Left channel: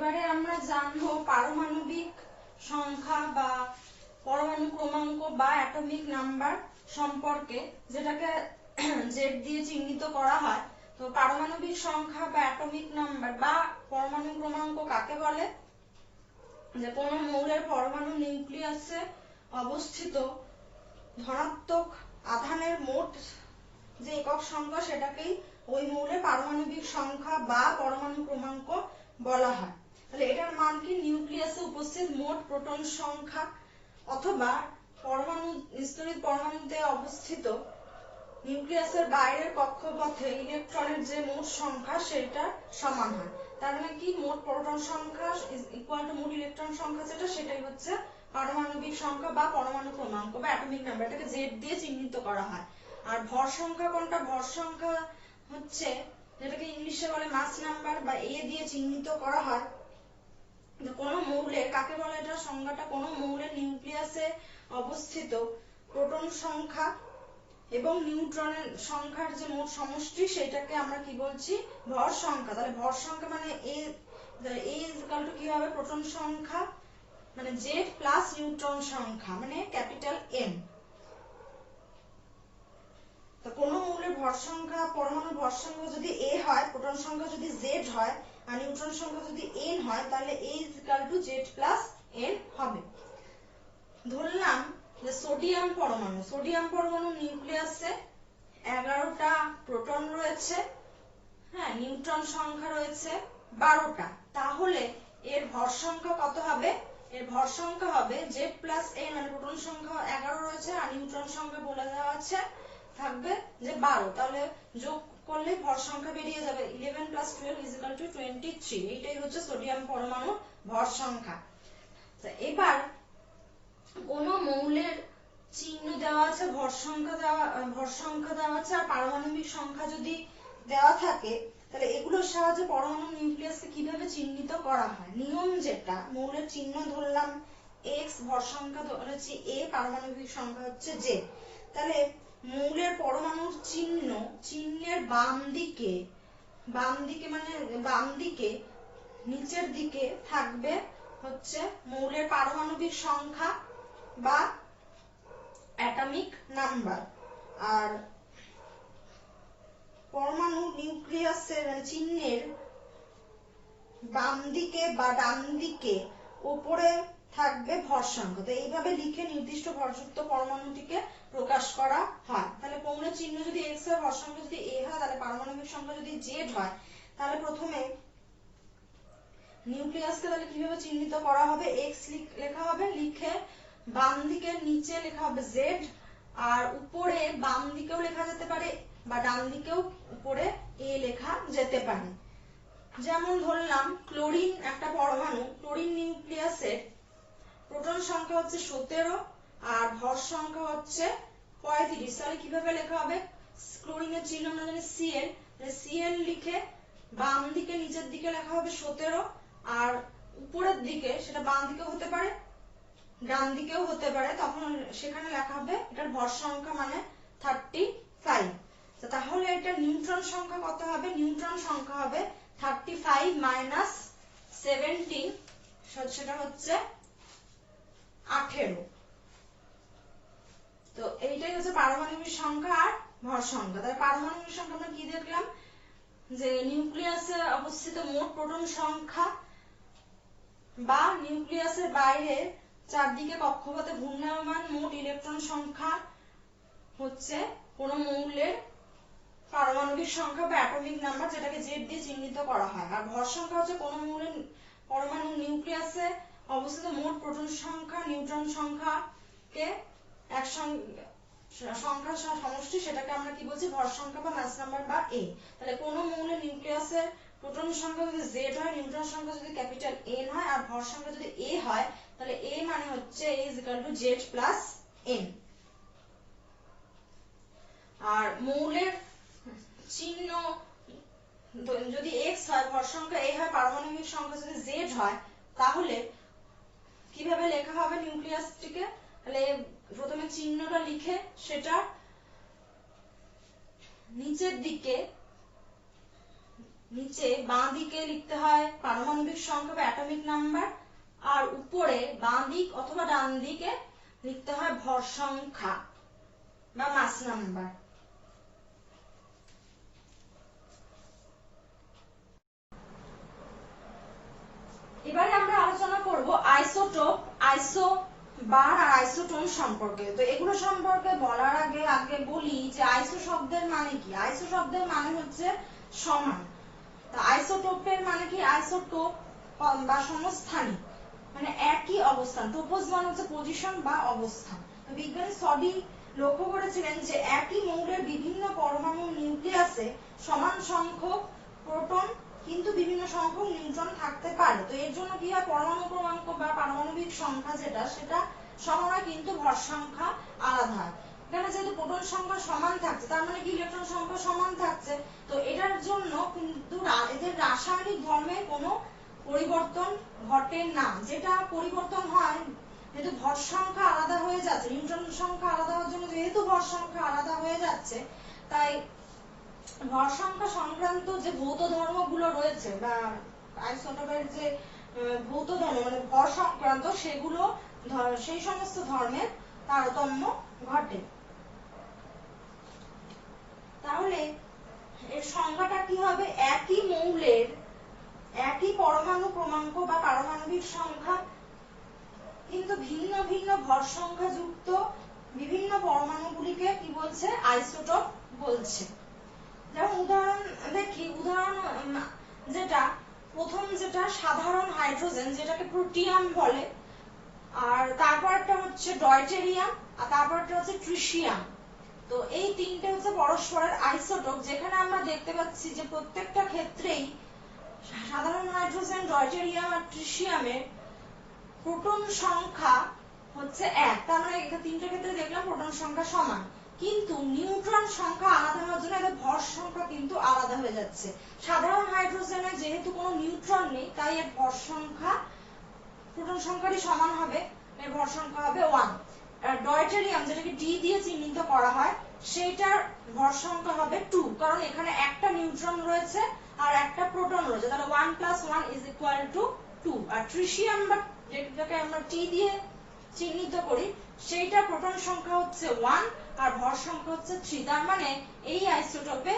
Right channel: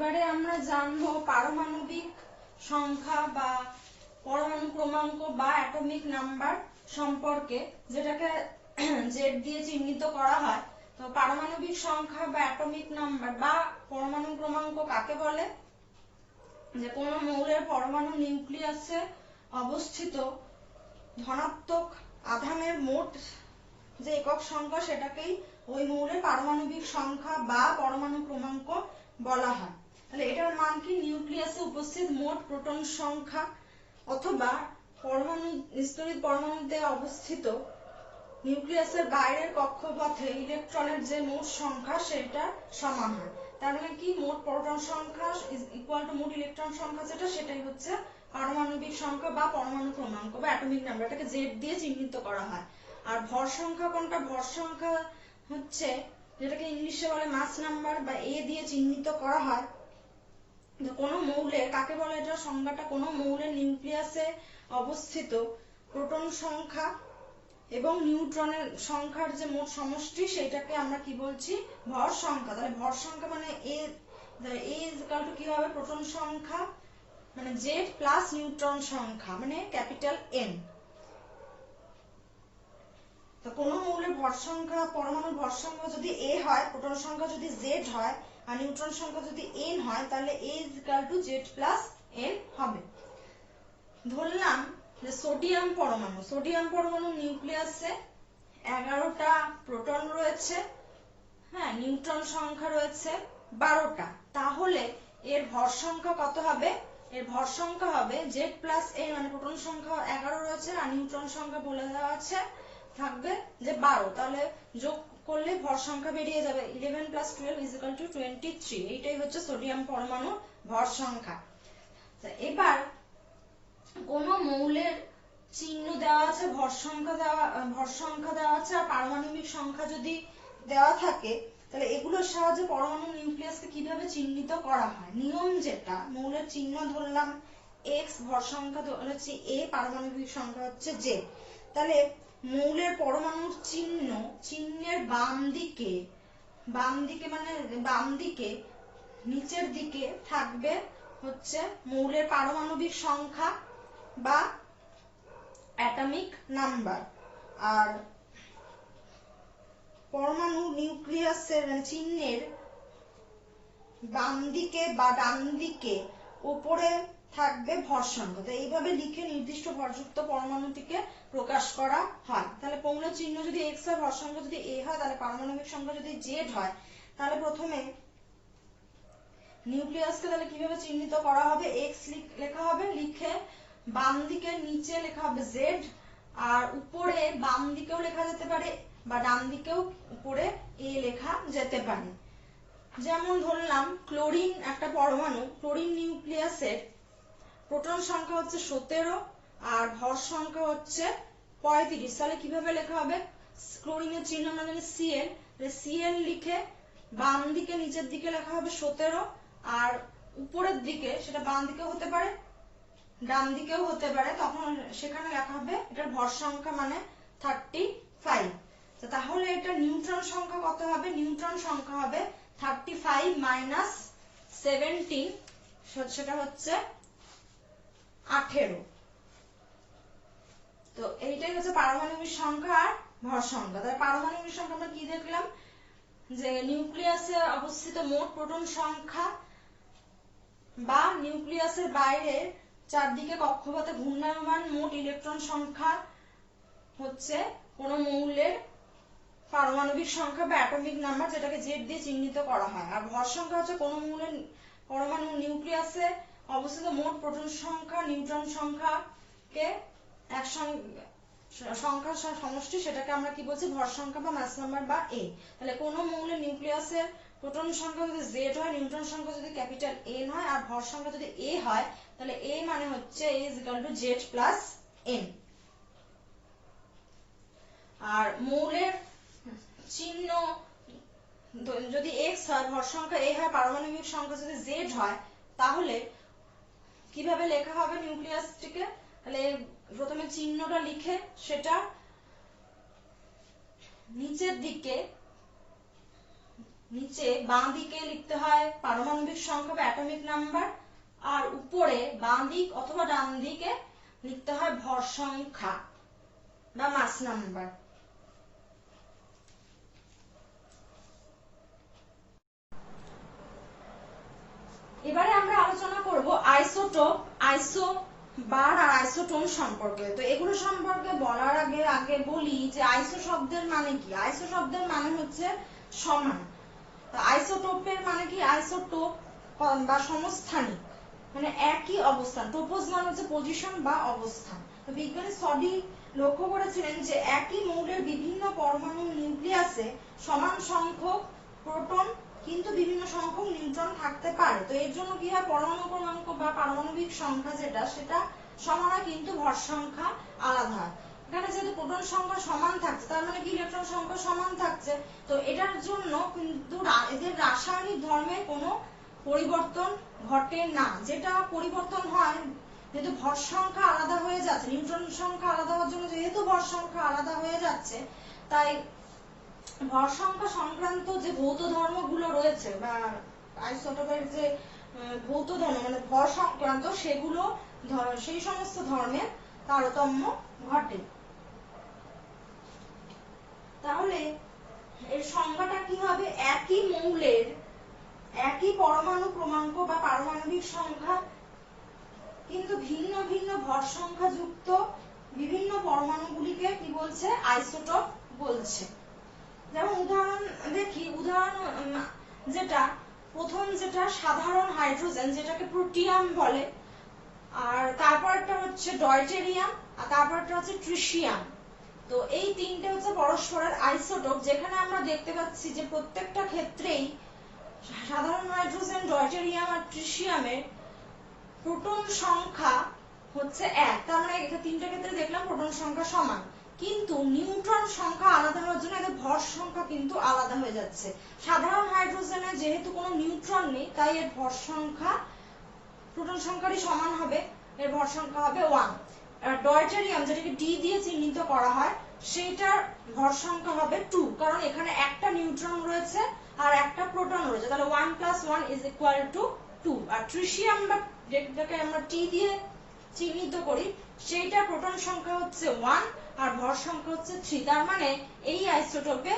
এবারে আমরা জানবো পারমাণবিক সংখ্যা বা পরমাণু ক্রমাঙ্ক বা অ্যাটমিক নাম্বার সম্পর্কে, যেটাকে জেড দিয়ে চিহ্নিত করা হয়। তো পারমাণবিক সংখ্যা বা অ্যাটমিক নাম্বার বা পরমাণু ক্রমাঙ্ক কাকে বলে? যে কোনো মৌলের পরমাণু নিউক্লিয়াসে অবস্থিত ধনাত্মক আধানের মোট যে একক সংখ্যা সেটাকেই ওই মৌলের পারমাণবিক সংখ্যা বা পরমাণু ক্রমাঙ্ক বলা হয়। তাহলে এটার মান কি? নিউক্লিয়াসে উপস্থিত মোট প্রোটন সংখ্যা অথবা পরমাণু স্তরিত পরমাণুতে অবস্থিত নিউক্লিয়াসের বাইরের কক্ষপথে ইলেকট্রনের যে মোট সংখ্যা সেটা সমান হয়। তার মানে কি? মোট প্রোটন সংখ্যা ইকুয়াল টু মোট ইলেকট্রন সংখ্যা যেটা, সেটাই হচ্ছে পারমাণবিক সংখ্যা বা পরমাণু ক্রমাঙ্ক বা অ্যাটমিক নাম্বার। এটাকে জেড দিয়ে চিহ্নিত করা হয়। আর ভর সংখ্যা কোনটা? ভর সংখ্যা হচ্ছে যেটাকে ইংলিশে বলে মাস নাম্বার বা এ দিয়ে চিহ্নিত করা হয়। কোন মৌলের, কাকে বলে এটা সংজ্ঞাটা? কোন মৌলের নিউক্লিয়াসে অবস্থিত প্রোটন সংখ্যা এবং নিউট্রনের সংখ্যার যে মোট সমষ্টি সেটাকে আমরা কি বলছি? ভর সংখ্যা। তাহলে ভর সংখ্যা মানে এ ইকুয়াল টু কি হবে? প্রোটন সংখ্যা মানে জেড প্লাস নিউট্রন সংখ্যা মানে ক্যাপিটাল এন। তো কোন মৌলের ভর সংখ্যা, পরমাণুর ভর সংখ্যা যদি এ হয়, প্রোটন সংখ্যা যদি জেড হয় আর নিউট্রন সংখ্যা যদি এন হয়, তাহলে A equal to Z plus N হবে। ধরলাম যে সোডিয়াম পরমাণু নিউক্লিয়াসে 11টা প্রোটন রয়েছে, হ্যাঁ, নিউট্রন সংখ্যা রয়েছে 12টা। তাহলে এর ভর সংখ্যা কত হবে? এর ভর সংখ্যা হবে জেড প্লাস এন, মানে প্রোটন সংখ্যা 11 রয়েছে আর নিউট্রন সংখ্যা বলে দেওয়া আছে থাকবে যে 12। তাহলে যোগ করলে ভর সংখ্যা বেরিয়ে যাবে 11 প্লাস 12 ইজ ইকুয়াল টু 23। এইটাই হচ্ছে সোডিয়াম পরমাণুর ভর সংখ্যা। এবার কোন মৌলের চিহ্ন দেওয়া আছে, ভর সংখ্যা দেওয়া আছে আর পারমাণবিক সংখ্যা যদি দেওয়া থাকে, তাহলে এগুলোর সাহায্যে পরমাণু নিউক্লিয়াসকে কিভাবে চিহ্নিত করা হয়? নিয়ম যেটা, মৌলের চিহ্ন ধরলাম এক্স, ভর সংখ্যা ধরেছি এ, পারমাণবিক সংখ্যা হচ্ছে জে। তাহলে মৌলের পরমাণুর চিহ্নের বাম দিকে নিচের দিকে থাকবে হচ্ছে মৌলের পারমাণবিক সংখ্যা বা অ্যাটমিক নাম্বার। আর পরমাণু নিউক্লিয়াসের চিহ্নের বাম দিকে বা ডান দিকে উপরে থাকবে ভর সংখ্যা। তো এইভাবে লিখে নির্দিষ্ট ভরযুক্ত পরমাণুটিকে প্রকাশ করা হয়। তাহলে মৌলের চিহ্ন যদি এক্স হয়, ভর সংখ্যা যদি এ হয়, তাহলে পারমাণবিক সংখ্যা যদি জেড হয়, তাহলে প্রথমে নিউক্লিয়াসকে তাহলে কিভাবে চিহ্নিত করা হবে? এক্স লেখা হবে, লিখে বাম দিকে নিচে লেখা হবে জেড, আর উপরে বাম দিকেও লেখা যেতে পারে বা ডান দিকেও উপরে এ লেখা যেতে পারে। যেমন ধরলাম ক্লোরিন একটা পরমাণু, ক্লোরিন নিউক্লিয়াসে প্রোটন সংখ্যা হচ্ছে 17 আর ভর সংখ্যা হচ্ছে 35। তাহলে কিভাবে লেখা হবে? ক্লোরিনের চিহ্ন আমরা জানি সিএল, সিএল লিখে বাম দিকে নিচের দিকে লেখা হবে 17 আর উপরের দিকে, সেটা বাম দিকেও হতে পারে ডান দিকেও হতে পারে, তখন সেখানে লেখা হবে এটার ভর সংখ্যা মানে 35। তাহলে এটা নিউট্রন সংখ্যা কত হবে? নিউট্রন সংখ্যা হবে 35 মাইনাস 17, সেটা হচ্ছে 18। তো এইটাই হচ্ছে পারমাণবিক সংখ্যা আর ভর সংখ্যা। তাহলে পারমাণবিক সংখ্যা আমরা কি দেখলাম? যে নিউক্লিয়াসে অবস্থিত মোট প্রোটন সংখ্যা বা নিউক্লিয়াসের বাইরে চারদিকে কক্ষপথে ঘূর্ণায়মান মোট ইলেকট্রন সংখ্যা হচ্ছে কোন মৌলের পারমাণবিক সংখ্যা বা অ্যাটমিক নাম্বার, যেটাকে জেড দিয়ে চিহ্নিত করা হয়। আর ভর সংখ্যা হচ্ছে কোন মৌলের পরমাণু নিউক্লিয়াসে অবস্থিত মোট প্রোটন সংখ্যা নিউট্রন সংখ্যাকে সংখ্যার সমষ্টি, সেটাকে আমরা কি বলছি? ভর সংখ্যা বা মাস নাম্বার বা এ। তাহলে কোন মৌলের নিউক্লিয়াসের প্রোটন সংখ্যা যদি জেড হয়, নিউট্রন সংখ্যা যদি ক্যাপিটাল এন হয় আর ভর সংখ্যা যদি এ হয়, তাহলে এ মানে হচ্ছে A is equal to Z plus N. আর মৌলের চিহ্ন যদি এক্স হয়, ভর সংখ্যা এ হয়, পারমাণবিক সংখ্যা যদি জেড হয়, তাহলে কিভাবে লেখা হবে নিউক্লিয়াসটিকে? তাহলে প্রথমে চিহ্নটা লিখে সেটা নিচের দিকে নিচে বাঁ দিকে লিখতে হয় পারমাণবিক সংখ্যা বা অ্যাটমিক নাম্বার, আর উপরে বাঁ দিক অথবা ডান দিকে লিখতে হয় ভর সংখ্যা বা মাস নাম্বার। এবারে আমরা আলোচনা করব আইসোটোপ, আইসোবার আর আইসোটোন সম্পর্কে। তো এগুলো সম্পর্কে বলার আগে বলি যে আইসো শব্দের মানে কি। আইসো শব্দের মানে হচ্ছে সমান। তো আইসোটোপের মানে কি, আইসোটোপ বা সমস্থানিক, মানে একই অবস্থান। টোপোস মানে হচ্ছে পজিশন বা অবস্থান। তো বিজ্ঞানী স্টডি লক্ষ্য করেছিলেন যে একই মৌলের বিভিন্ন পরমাণু নিউক্লিয়াসে সমান সংখ্যক প্রোটন কিন্তু বিভিন্ন সংখ্যক নিউট্রন থাকতে পারে। তো এর জন্য কি হয়, পরমাণু ক্রমাঙ্ক বা পারমাণবিক সংখ্যা সেটা সমান হয় কিন্তু ভর সংখ্যা আলাদা হয়। এখানে যেহেতু প্রোটন সংখ্যা সমান থাকছে তার মানে কি ইলেকট্রন সংখ্যা সমান থাকছে। তো এটার জন্য কিন্তু এদের রাসায়নিক ধর্মের কোনো পরিবর্তন ঘটে না। যেটা পরিবর্তন হয় যেহেতু ভর সংখ্যা আলাদা হয়ে যাচ্ছে, নিউট্রন সংখ্যা আলাদা হওয়ার জন্য যেহেতু ভর সংখ্যা আলাদা হয়ে যাচ্ছে, তাই ভর সংখ্যা সংক্রান্ত যে ভৌত ধর্মগুলো রয়েছে বা আইসোটোপের যে ভৌত ধর্ম মানে ভর সংক্রান্ত সেগুলো সেই সমস্ত ধর্মের তারতম্য ঘটে। তাহলে এর সংজ্ঞাটা কি হবে, একই মৌলের একই পরমাণু ক্রমাঙ্ক বা পারমাণবিক সংখ্যা কিন্তু ভিন্ন ভিন্ন ভর সংখ্যা যুক্ত বিভিন্ন পরমাণুগুলিকে কি বলছে, আইসোটোপ বলছে। যেমন উদাহরণ দেখি, উদাহরণ যেটা প্রথম যেটা সাধারণ হাইড্রোজেন যেটাকে প্রোটিয়াম বলে, আর তারপরটা হচ্ছে ডয়টেরিয়াম, আর তারপরটা হচ্ছে ট্রিশিয়াম। তো এই তিনটে হচ্ছে পরস্পরের আইসোটোপ, যেখানে আমরা দেখতে পাচ্ছি যে প্রত্যেকটা ক্ষেত্রেই সাধারণ হাইড্রোজেন, ডয়টেরিয়াম আর ট্রিশিয়ামের প্রোটন সংখ্যা হচ্ছে 1। তার মানে এটা তিনটে ক্ষেত্রে দেখলাম প্রোটন সংখ্যা সমান, কিন্তু নিউট্রন সংখ্যা আলাদা হওয়ার জন্য এদের ভর সংখ্যা কিন্তু আলাদা হয়ে যাচ্ছে। সাধারণ হাইড্রোজেনে যেহেতু কোনো নিউট্রন নেই তাই এর ভর সংখ্যা প্রোটন সংখ্যারই সমান হবে, এর ভর সংখ্যা হবে 1। আর ডয়টেরিয়াম যেটাকে ডি দিয়ে চিহ্নিত করা হয় সেটার ভর সংখ্যা হবে 2, কারণ এখানে একটা নিউট্রন রয়েছে আর একটা প্রোটন রয়েছে, তাহলে 1 + 1 = 2। আর ট্রিশিয়াম বা যেটাকে আমরা টি দিয়ে চিহ্নিত করি সেইটা প্রোটন সংখ্যা হচ্ছে 1 আর ভর সংখ্যা হচ্ছে 3। তার মানে এই আইসোটোপে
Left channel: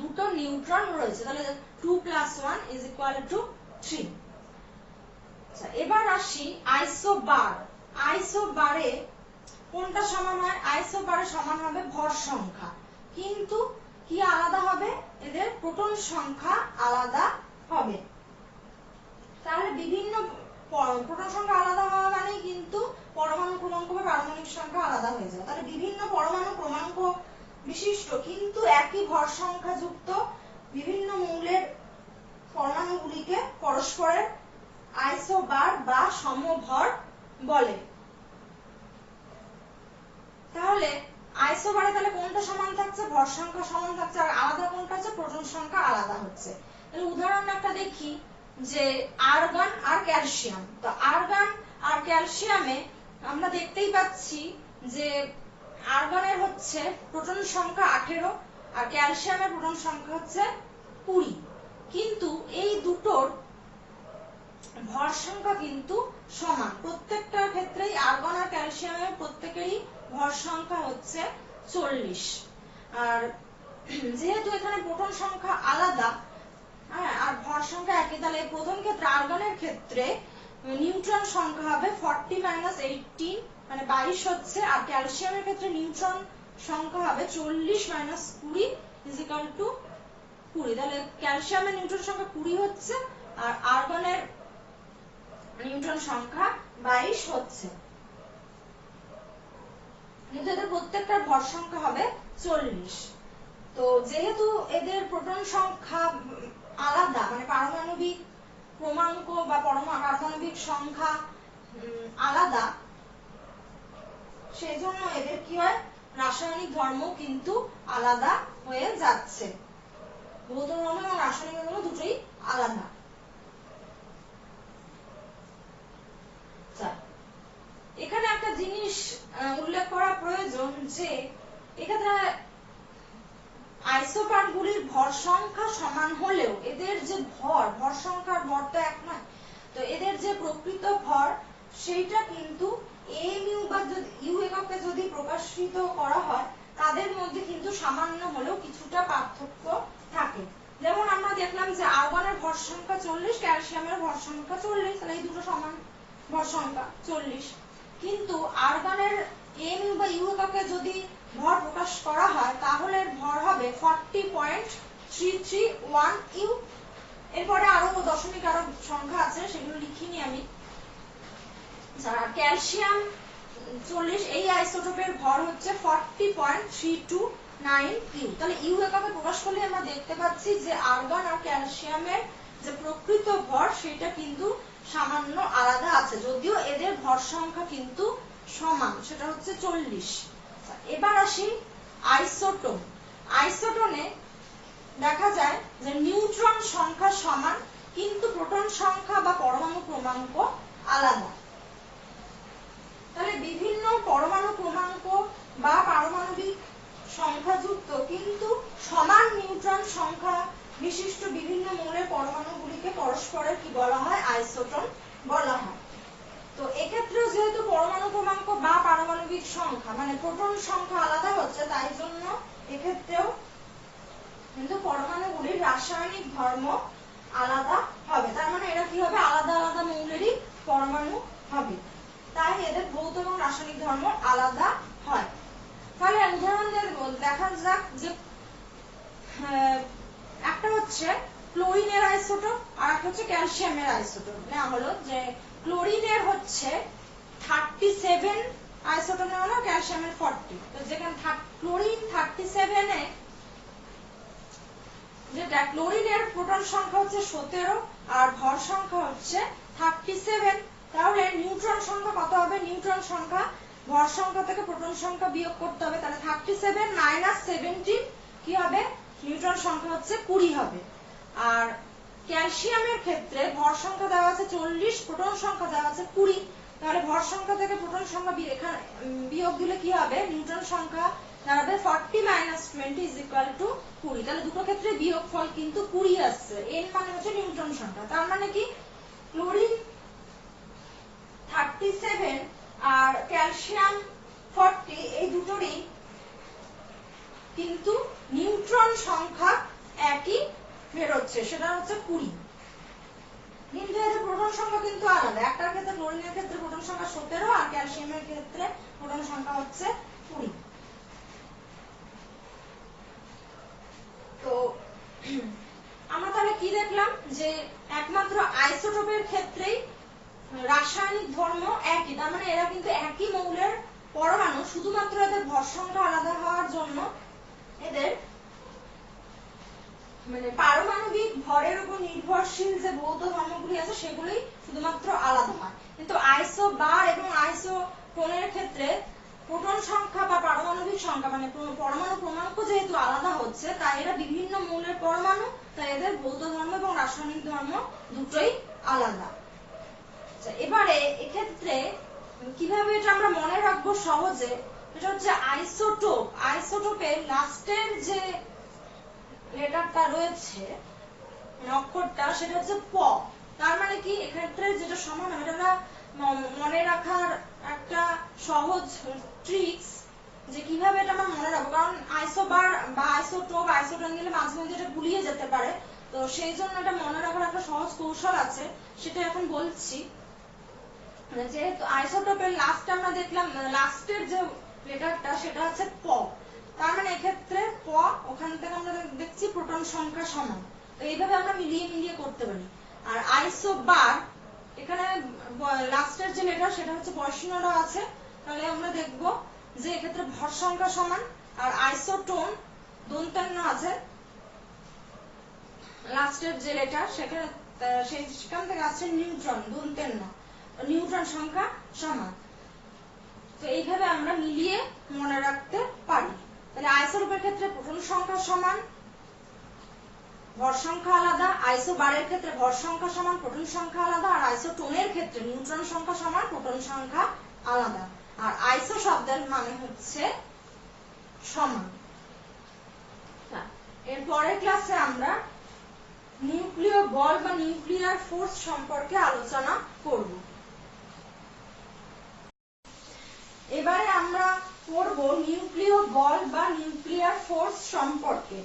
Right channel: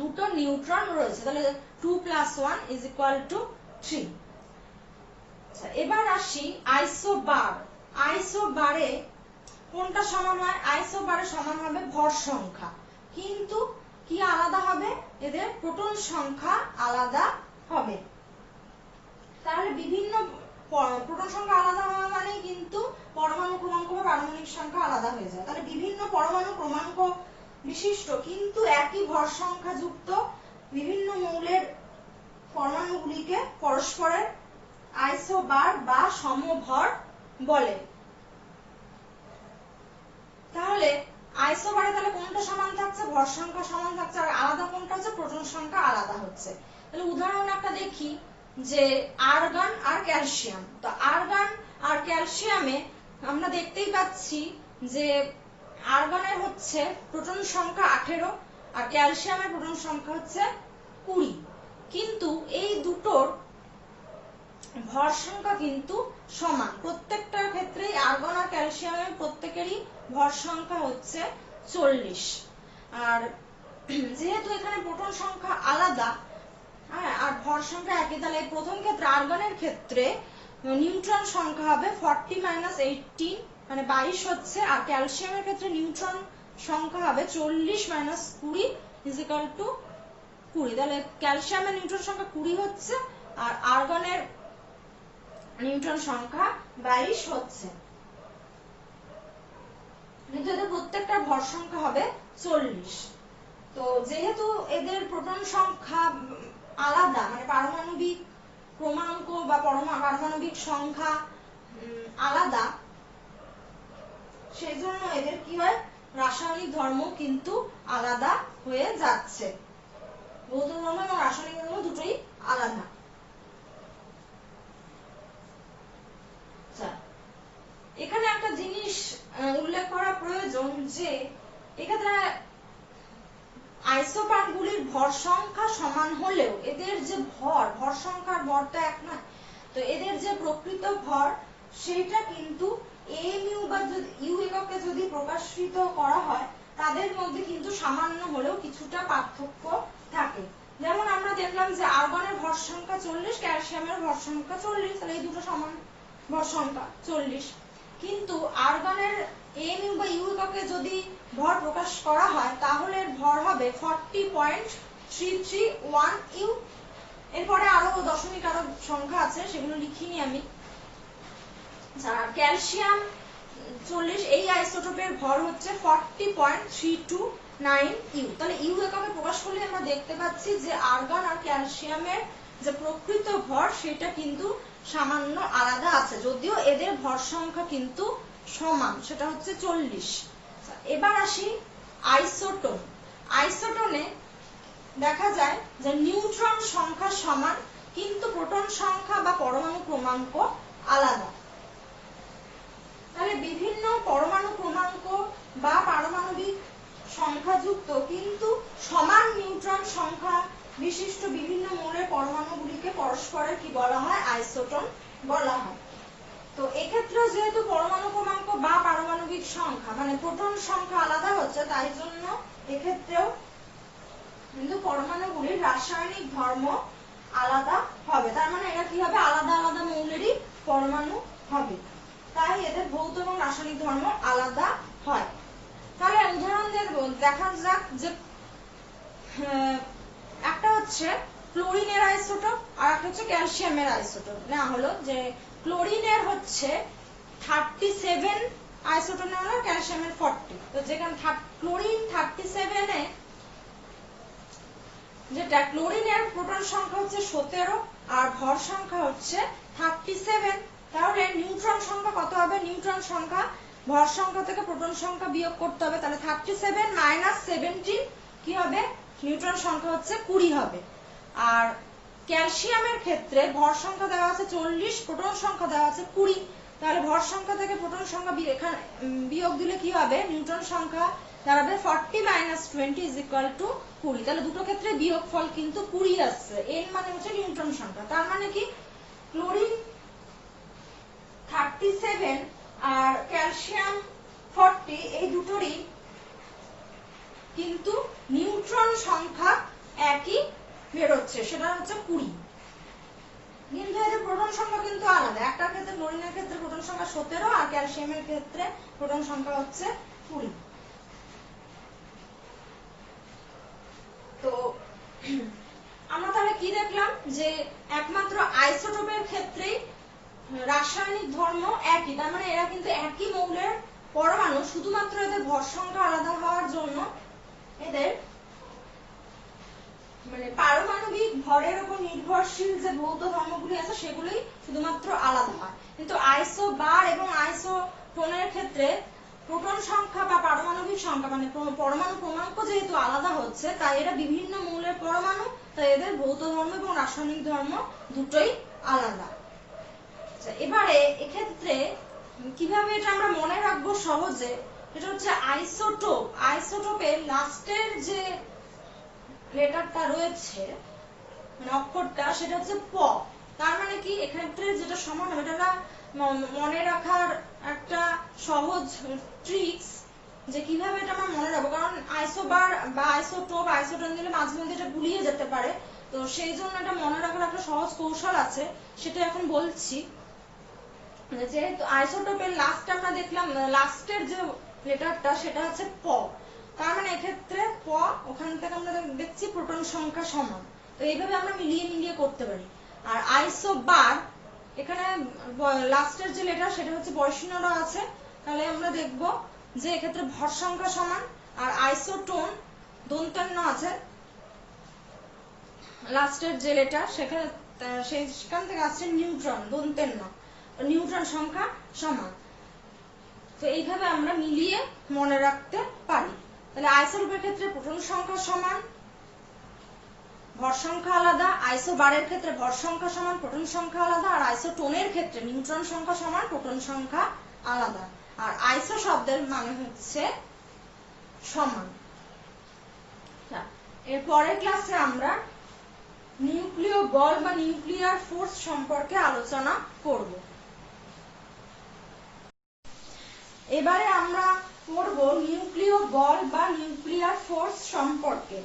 দুটো নিউট্রন রয়েছে, তাহলে 2 + 1 = 3। এবার আসি আইসোবার। আইসোবারে কোনটা সমান হয়, আইসোবারে সমান হবে ভর সংখ্যা, কিন্তু কি আলাদা হবে, এদের প্রোটন সংখ্যা আলাদা হবে। তাহলে বিভিন্ন প্রোটন সংখ্যা আলাদা হওয়া মানে কিন্তু পরমাণু ক্রমাঙ্ক বা পারমাণবিক সংখ্যা আলাদা হয়ে যায়। তাহলে বিভিন্ন পরমাণু ক্রমাঙ্ক বিশিষ্ট কিন্তু একই ভর সংখ্যা যুক্ত বিভিন্ন মৌলের পরমাণুগুলিকে পরস্পরের আইসোবার বা সমভর বলে। তাহলে আইসোবারে তাহলে কোনটা সমান থাকছে, ভর সংখ্যা সমান থাকছে, আর আলাদা কোনটা হচ্ছে, প্রোটন সংখ্যা আলাদা হচ্ছে। তাহলে উদাহরণ একটা দেখি যে আর্গন আর ক্যালসিয়াম। তো আর্গন আর ক্যালসিয়ামে আমরা দেখতেই পাচ্ছি যে আর্গনের হচ্ছে প্রোটন সংখ্যা 18 আর ক্যালসিয়ামের প্রোটন সংখ্যা হচ্ছে 20, কিন্তু এই দুটোর ভর সংখ্যা কিন্তু সমান। প্রত্যেকটা ক্ষেত্রেই আর্গন আর ক্যালসিয়ামের প্রত্যেকেরই ভর সংখ্যা হচ্ছে 40। আর যেহেতু এখানে প্রোটন সংখ্যা আলাদা আর ভর সংখ্যা একই, তাহলে প্রথম ক্ষেত্রে আর্গনের ক্ষেত্রে নিউট্রন সংখ্যা হবে 40 - 18 মানে 22 হচ্ছে, আর ক্যালসিয়ামের ক্ষেত্রে নিউট্রন সংখ্যা হবে 40 - 20 = 20। তাহলে ক্যালসিয়ামের নিউট্রন সংখ্যা 20 হচ্ছে আর আর্গনের নিউট্রন সংখ্যা 22 হচ্ছে, কিন্তু এদের প্রত্যেকটার ভর সংখ্যা হবে 40। তো যেহেতু এদের প্রোটন সংখ্যা আলাদা মানে পারমাণবিক ক্রমাঙ্ক বা পারমাণবিক সংখ্যা আলাদা, সেজন্য এদের কি হয়, রাসায়নিক ধর্ম কিন্তু আলাদা হয়ে যাচ্ছে। ভৌত ধর্ম এবং রাসায়নিক ধর্ম দুটোই আলাদা। এখানে একটা জিনিস উল্লেখ করা প্রয়োজন যে এক্ষেত্রে আইসোবারগুলির ভর সংখ্যা ভরটা এক নয়। তো এদের যে প্রকৃত ভর সেটা কিন্তু mu বা ইউ এককে যদি প্রকাশিত করা হয় তাদের মধ্যে কিন্তু সামান্য হলেও কিছুটা পার্থক্য থাকে। যেমন আমরা দেখলাম যে আর্গনের ভর সংখ্যা 40, ক্যালসিয়ামের ভর সংখ্যা 40, তাহলে এই দুটো সমান ভর সংখ্যা 40। কিন্তু আর্গনের mu বা ইউ এককে যদি ভর প্রকাশ করা হয় তাহলে এর ভর হবে 40.331 ইউ। এরপরে আরো দশমিক আরো সংখ্যা আছে, সেগুলো লিখিনি আমি। ক্যালসিয়াম 40, এই আইসোটোপের ভর হচ্ছে 40.329 ইউ। তাহলে ইউ এককে প্রকাশ করলে আমরা দেখতে পাচ্ছি যে আর্গন আর ক্যালসিয়ামের যে প্রকৃত ভর সেটা কিন্তু সামান্য আলাদা আছে, যদিও এদের ভর সংখ্যা কিন্তু সমান, সেটা হচ্ছে 40। এবার আসি আইসোটোন। আইসোটোনে দেখা যায় যে নিউট্রন সংখ্যা সমান কিন্তু প্রোটন সংখ্যা বা পরমাণু ক্রমাঙ্ক আলাদা। তাহলে বিভিন্ন পরমাণু ক্রমাঙ্ক বা পারমাণবিক সংখ্যাযুক্ত কিন্তু সমান নিউট্রন সংখ্যা বিশিষ্ট বিভিন্ন মৌলের পরমাণুগুলিকে পরস্পরের কি বলা হয়? আইসোটোন বলা হয়। তো এক্ষেত্রে যেহেতু পরমাণু ক্রমাঙ্ক বা পারমাণবিক সংখ্যা মানে প্রোটন সংখ্যা আলাদা হচ্ছে, তাই জন্য এক্ষেত্রেও কিন্তু পরমাণুগুলির রাসায়নিক ধর্ম আলাদা হবে। তার মানে এরা কি হবে? আলাদা আলাদা মৌলেরই পরমাণু হবে, তাই এদের ভৌত এবং রাসায়নিক ধর্ম আলাদা হয়। তাহলে উদাহরণ দেখা যাক যে একটা হচ্ছে ক্লোরিনের আইসোটোপ আর একটা হচ্ছে ক্যালসিয়ামের আইসোটোপ। না হলো যে ক্লোরিনের হচ্ছে 37 আইসোটোপ নেওয়া হলো, ক্যালসিয়ামের 40। তো যেখানে ক্লোরিন 37 এ যেটা ক্লোরিনের প্রোটন সংখ্যা হচ্ছে 17 আর ভর সংখ্যা হচ্ছে 37, তাহলে নিউট্রন সংখ্যা কত হবে? নিউট্রন সংখ্যা ভর সংখ্যা থেকে প্রোটন সংখ্যা বিয়োগ করতে হবে, তাহলে 37 মাইনাস 17 কি হবে? নিউট্রন সংখ্যা হচ্ছে 20 হবে। আর ক্যালসিয়ামের ক্ষেত্রে ভর সংখ্যা দেওয়া আছে 40, প্রোটন সংখ্যা দেওয়া আছে 20, তাহলে ভর সংখ্যা থেকে প্রোটন সংখ্যা বিয়োগ দিলে কি হবে? নিউট্রন সংখ্যা দাঁড়াবে 40 মাইনাস 20 ইজ ইকুয়াল টু 20। তাহলে দুটো ক্ষেত্রে বিয়োগফল কিন্তু 20 আসছে। এর মানে হচ্ছে নিউট্রন সংখ্যা। তার মানে কি ক্লোরিন 37 আর ক্যালসিয়াম 40 এই দুটোরই কিন্তু নিউট্রন সংখ্যা একই বেরোচ্ছে, সেটা হচ্ছে 20। কিন্তু এদের প্রোটন সংখ্যা কিন্তু আলাদা। একটার ক্ষেত্রে ক্লোরিনের ক্ষেত্রে প্রোটন সংখ্যা 17 আর ক্যালসিয়ামের ক্ষেত্রে প্রোটন সংখ্যা হচ্ছে 20। তো আমরা তাহলে কি দেখলাম যে একমাত্র আইসোটোপের ক্ষেত্রেই রাসায়নিক ধর্ম একই, তার মানে এরা কিন্তু একই মৌলের পরমাণু, শুধুমাত্র এদের ভর সংখ্যা আলাদা হওয়ার জন্য এদের মানে পারমাণবিক ভরের উপর নির্ভরশীল যে ভৌত ধর্মগুলি আছে সেগুলি শুধুমাত্র আলাদা হয়। কিন্তু আইসোবার এবং আইসোটোনের ক্ষেত্রে প্রোটন সংখ্যা বা পারমাণবিক সংখ্যা মানে পরমাণু ক্রমাঙ্ক যেহেতু আলাদা হচ্ছে, তাই এরা বিভিন্ন মৌলের পরমাণু, তাই এদের ভৌত ধর্ম এবং রাসায়নিক ধর্ম দুটোই আলাদা। এবারে এক্ষেত্রে কিভাবে এটা আমরা মনে রাখবো সহজে, এটা হচ্ছে আইসোটোপ। আইসোটোপের লাস্টের যে লেটারটা রয়েছে অক্ষরটা সেটা হচ্ছে প। তার মানে কি এক্ষেত্রে যেটা সমান হবে, এটা মনে রাখার একটা সহজ ট্রিক্স যে কিভাবে এটা আমরা মনে রাখবো, কারণ আইসোবার বা আইসোটোপ আইসোটোন দিলে মাঝে মাঝে এটা গুলিয়ে যেতে পারে। তো সেই জন্য এটা মনে রাখার একটা সহজ কৌশল আছে, সেটা এখন বলছি। যেহেতু আইসোটোপের লাস্ট আমরা দেখলাম লাস্টের যে লেটারটা সেটা হচ্ছে প, তার মানে এক্ষেত্রে প ওখান থেকে আমরা দেখছি প্রোটন সংখ্যা সমান। তো এইভাবে আমরা মিলিয়ে মিলিয়ে করতে পারি। আর আইসোবার এখানে লাস্টের যে লেটার সেটা হচ্ছে বয়সীনরা আছে, তাহলে আমরা দেখব যে এক্ষেত্রে ভর সংখ্যা সমান। আর আইসোটোন দন্তান্ন আছে লাস্টের যে লেটার, সেখান থেকে আসছে নিউট্রন দন্তান্ন, নিউট্রন সংখ্যা সমান। তো এইভাবে আমরা মিলিয়ে মনে রাখতে পারি। তাহলে আইসোটোপের ক্ষেত্রে প্রোটন সংখ্যা সমান, ভর সংখ্যা আলাদা। আইসোবারের ক্ষেত্রে ভর সংখ্যা সমান, প্রোটন সংখ্যা আলাদা। আর আইসোটোনের ক্ষেত্রে নিউট্রন সংখ্যা সমান, প্রোটন সংখ্যা আলাদা। আর আইসো শব্দের মানে হচ্ছে সমান। এর পরের ক্লাসে আমরা নিউক্লিয় বল বা নিউক্লিয়ার ফোর্স সম্পর্কে আলোচনা করব। এবারে আমরা পড়ব নিউক্লিয় বল বা নিউক্লিয়ার ফোর্স সম্পর্কে।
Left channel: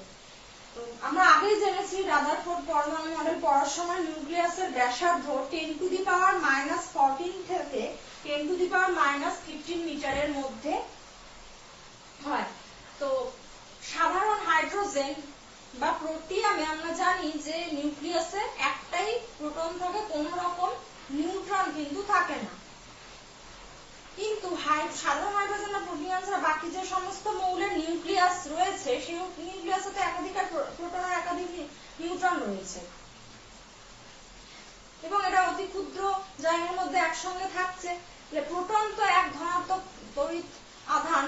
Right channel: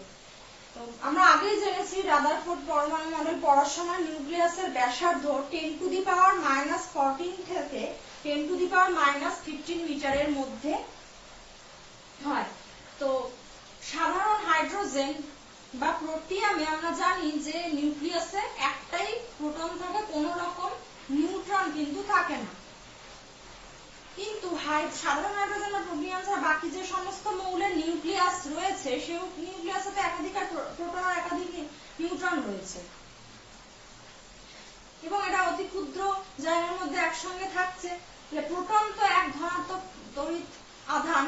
আমরা আগেই জেনেছি রাদারফোর্ড পরমাণু মডেল পড়ার সময় নিউক্লিয়াসের ব্যাসার্ধ 10⁻⁻14 থেকে 10⁻⁻15 মিটারের মধ্যে হয়। তো সাধারণ হাইড্রোজেন বা প্রোটিয়ামে আমরা জানি যে নিউক্লিয়াসে একটাই প্রোটন থাকে, কোনো রকম নিউট্রন কিন্তু থাকে না। কিন্তু সাধারণ হাইড্রোজেন বা প্রোটিয়াম ছাড়া বাকি যে সমস্ত মৌলের নিউক্লিয়াস রয়েছে সেই নিউক্লিয়াসে একাধিক প্রোটন আর একাধিক নিউট্রন রয়েছে এবং এটা অতি ক্ষুদ্র জায়গার মধ্যে একসঙ্গে থাকছে। প্রোটন তো এক ধনাত্মক তড়িৎ আধান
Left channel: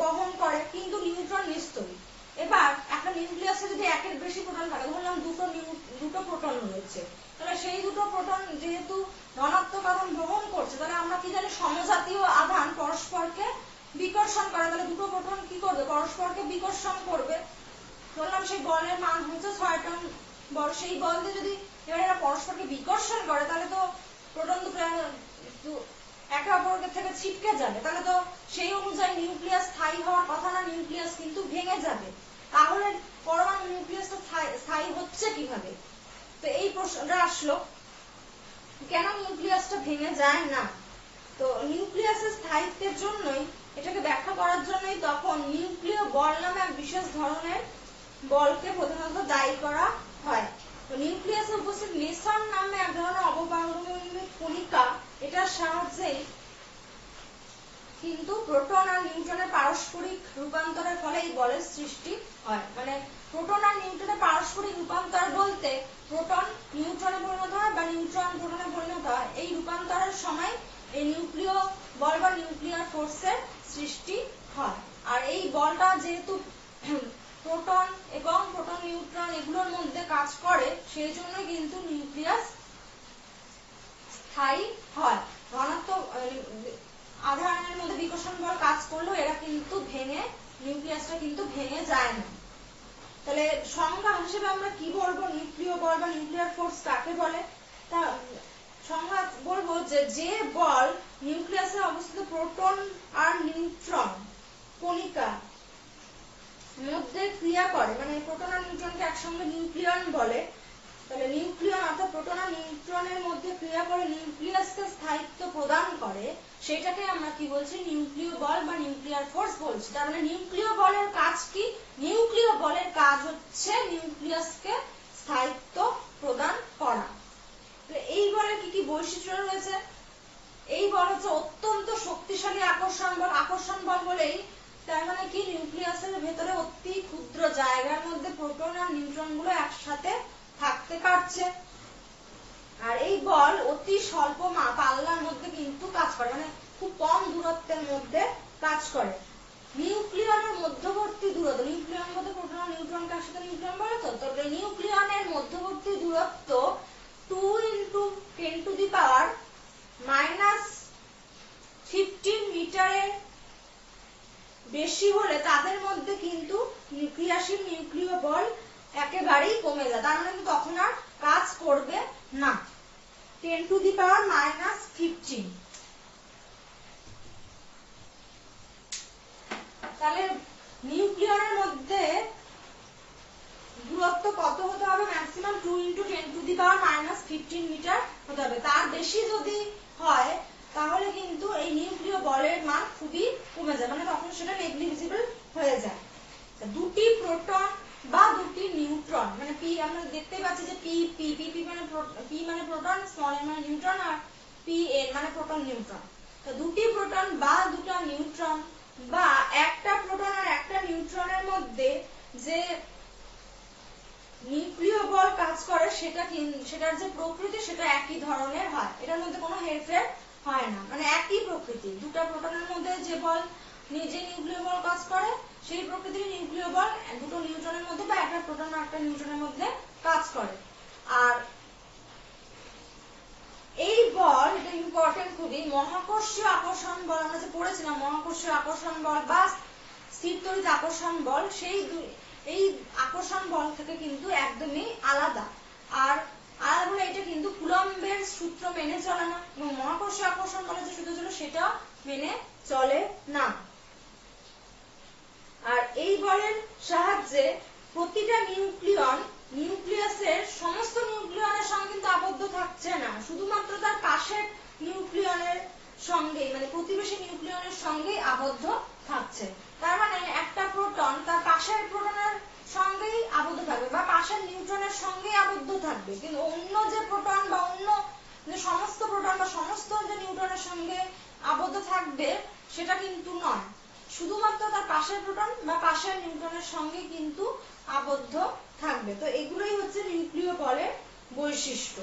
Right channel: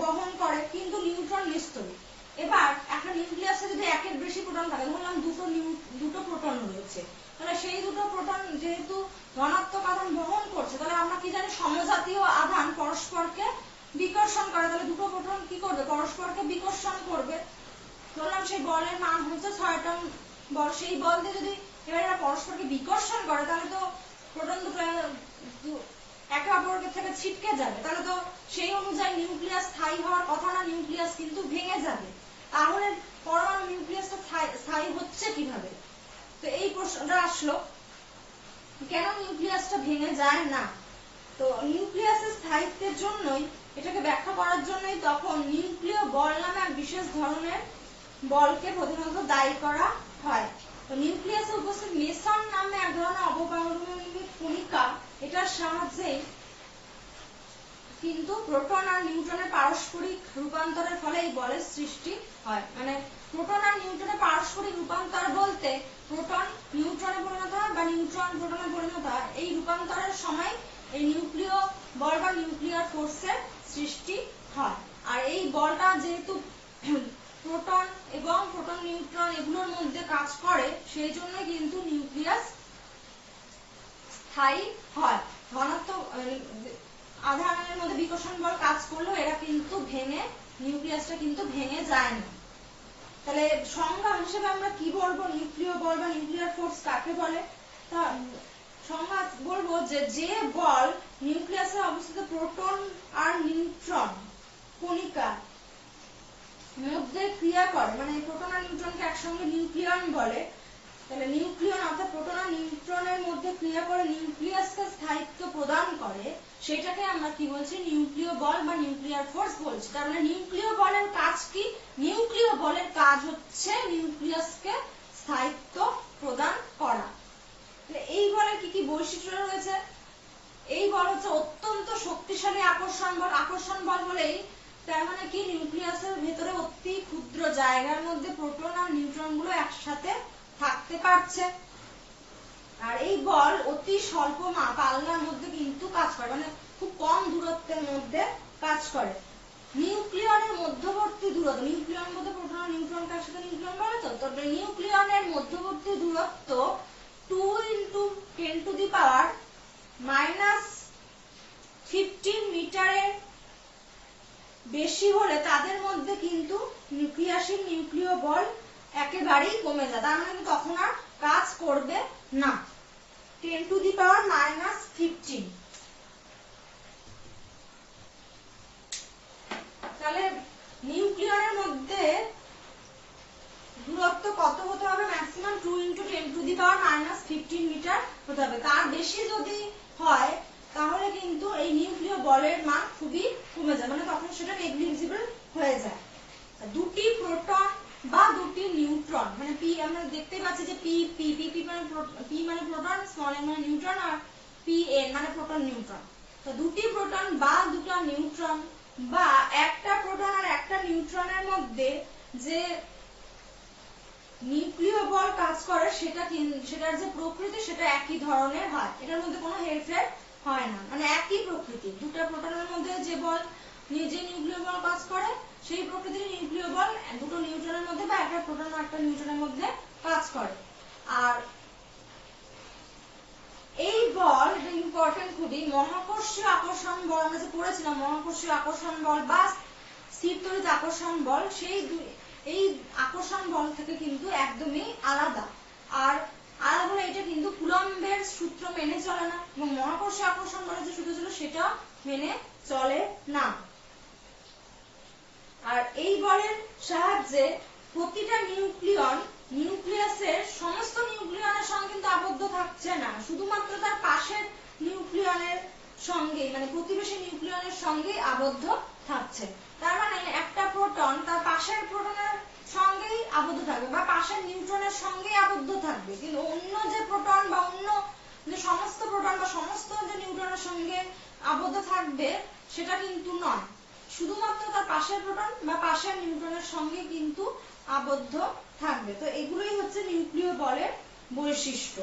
বহন করে, কিন্তু নিউট্রন নিস্তড়িৎ। এবার একটা নিউক্লিয়াসে যদি একের বেশি প্রোটন থাকে, ধরলাম দুটো প্রোটন রয়েছে, তাহলে সেই দুটো প্রোটন যেহেতু ধনাত্মক আধান বহন করছে, তাহলে আমরা কি জানি সমজাতীয় আধান পরস্পরকে বিকর্ষণ করে। তাহলে দুটো প্রোটন কি করবে? পরস্পরকে বিকর্ষণ করবে। ধরলাম সেই বলের মান হচ্ছে 6 টন বল, সেই বল দিয়ে যদি এরা পরস্পরকে বিকর্ষণ করে তাহলে তো প্রোটন দুটো একে অপরের থেকে ছিটকে যাবে, তাহলে তো সেই অনুযায়ী নিউক্লিয়াস স্থায়ী হওয়ার কথা না, নিউক্লিয়াস কিন্তু ভেঙে যাবে। তাহলে পরমাণু নিউক্লিয়াসটা স্থায়ী হচ্ছে কিভাবে? তো এই প্রশ্নটা আসলো, কেন নিউক্লিয়াসটা ভেঙে যায় না? তো নিউক্লিয়াসের স্থায়িত্বের জন্যই, এটাকে ব্যাখ্যা করার জন্যই তখন নিউক্লিয় বল নামে এক বিশেষ ধরনের বলকে প্রধানত দায়ী করা হয়। তো নিউক্লিয়াসে উপস্থিত মেসন নামে এক ধরনের অবপারমাণবিক কণিকা, এটার সাহায্যেই কিন্তু প্রোটন আর নিউট্রনের পারস্পরিক রূপান্তরের ফলে এই বলের সৃষ্টি হয়। মানে প্রোটন আর নিউট্রনের পারস্পরিক রূপান্তর বলতে প্রোটন নিউট্রনে পরিণত হয় বা নিউট্রন প্রোটনে পরিণত হয়। এই রূপান্তরের সময় এই নিউক্লিয় বল বা নিউক্লিয়ার ফোর্সের সৃষ্টি হয়। আর এই বলটা যেহেতু প্রোটন এবং প্রোটন নিউট্রন এগুলোর মধ্যে কাজ করে, সেই জন্য কিন্তু নিউক্লিয়াস স্থায়ী হয়। ধনাত্মক আধানের মধ্যে বিকর্ষণ বল কাজ করলেও এরা কিন্তু নিউক্লিয়াসটা কিন্তু ভেঙে যায় না। তাহলে সংজ্ঞা হিসেবে আমরা কি বলবো? নিউক্লিয় বল বা নিউক্লিয়ার ফোর্স কাকে বলে? তা সংজ্ঞা বলবো যে বল নিউক্লিয়াসে অবস্থিত প্রোটন আর নিউট্রন কণিকা মধ্যে ক্রিয়া করে, মানে প্রোটন আর নিউট্রনকে একসঙ্গে নিউক্লিয়ন বলে। তাহলে নিউক্লিয়ন অর্থাৎ প্রোটন আর নিউট্রনের মধ্যে ক্রিয়া করে নিউক্লিয়াসকে স্থায়িত্ব প্রদান করে, সেটাকে আমরা কি বলছি? নিউক্লিয় বল বা নিউক্লিয়ার ফোর্স বলছি। তার মানে নিউক্লিয় বলের কাজ কি? নিউক্লিয় বলের কাজ হচ্ছে নিউক্লিয়াসকে স্থায়িত্ব প্রদান করা। এই বলের কি কি বৈশিষ্ট্য রয়েছে? এই বল হচ্ছে অত্যন্ত শক্তিশালী আকর্ষণ বল। আকর্ষণ বল বলেই তার মানে কি, নিউক্লিয়াসের ভেতরে অতি ক্ষুদ্র জায়গার মধ্যে প্রোটন আর নিউট্রন গুলো একসাথে থাকতে পারছে। আর এই বল অতি স্বল্প পাল্লার মধ্যে কিন্তু কাজ করে, মানে খুব কম দূরত্বের মধ্যে কাজ করে। নিউক্লিয়নের মধ্যবর্তী দূরত্ব, নিউক্লিয়ন মধ্যে প্রোটন আর নিউট্রনকে একসাথে নিউক্লিয়ন বলে তো, তবে নিউক্লিয়নের মধ্যবর্তী দূরত্ব 2 × 10⁻⁻15 মিটারের বেশি হলে তাদের মধ্যে কিন্তু ক্রিয়াশীল নিউক্লিয় বল একেবারেই কমে যায়, তার মানে তখন আর কাজ করবে না। 10⁻⁻15। তাহলে নিউক্লিয়নের মধ্যে দূরত্ব কত হতে হবে? ম্যাক্সিমাম 2 × 10⁻⁻15 মিটার হতে হবে। তার বেশি যদি হয় তাহলে কিন্তু এই নিউক্লিয় বলের মান খুবই কমে যায়, মানে তখন সেটা নেগলিজিবল হয়ে যায়। দুটি প্রোটন বা দুটি নিউট্রন, মানে পি আমরা দেখতে পাচ্ছি যে পি মানে প্রোটন, স্মল এন মানে নিউট্রন, আর পি এন মানে প্রোটন নিউট্রন। তো দুটি প্রোটন বা দুটো নিউট্রন বা একটা প্রোটন আর একটা নিউট্রনের মধ্যে যে নিউক্লিয় বল কাজ করে সেটার যে প্রকৃতি সেটা একই ধরনের হয়, এটার মধ্যে কোনো হেরফের হয় না, মানে একই প্রকৃতি। দুটো প্রোটনের মধ্যে যে বল যে নিউক্লিয় বল কাজ করে সেই প্রকৃতির নিউক্লিয় বল দুটো নিউট্রনের মধ্যে বা একটা প্রোটন আর একটা নিউট্রনের মধ্যে কাজ করে। আর এই বল, এটা ইম্পর্টেন্ট খুবই, মহাকর্ষীয় আকর্ষণ বল আমরা যে পড়েছিলাম, মহাকর্ষীয় আকর্ষণ বল বা স্থির তড়িৎ আকর্ষণ বল, এই আকর্ষণ বল থেকে কিন্তু একদমই আলাদা। আর আলাদা বলে এটা কিন্তু কুলম্বের সূত্র মেনে চলে না, এবং মহাকর্ষীয় আকর্ষণ বলে যে সূত্র ছিল সেটা মেনে চলে না। আর এই বলের সাহায্যে প্রতিটা নিউক্লিয়াসের সমস্ত নিউক্লিয়নের সঙ্গে কিন্তু আবদ্ধ থাকছে না, শুধুমাত্র তার পাশের নিউক্লিয়নের সঙ্গে, মানে প্রতিবেশী নিউক্লিয়নের সঙ্গেই আবদ্ধ থাকছে। তার মানে একটা প্রোটন তার পাশের প্রোটনের সঙ্গেই আবদ্ধ থাকবে বা পাশের নিউট্রনের সঙ্গেই আবদ্ধ থাকবে, কিন্তু অন্য যে প্রোটন বা অন্য যে সমস্ত প্রোটন বা সমস্ত যে নিউট্রনের সঙ্গে আবদ্ধ থাকবে সেটা কিন্তু নয়, শুধুমাত্র তার পাশের প্রোটন বা পাশের নিউট্রনের সঙ্গে কিন্তু আবদ্ধ থাকবে। তো এগুলোই হচ্ছে নিউক্লিয় বলের বৈশিষ্ট্য।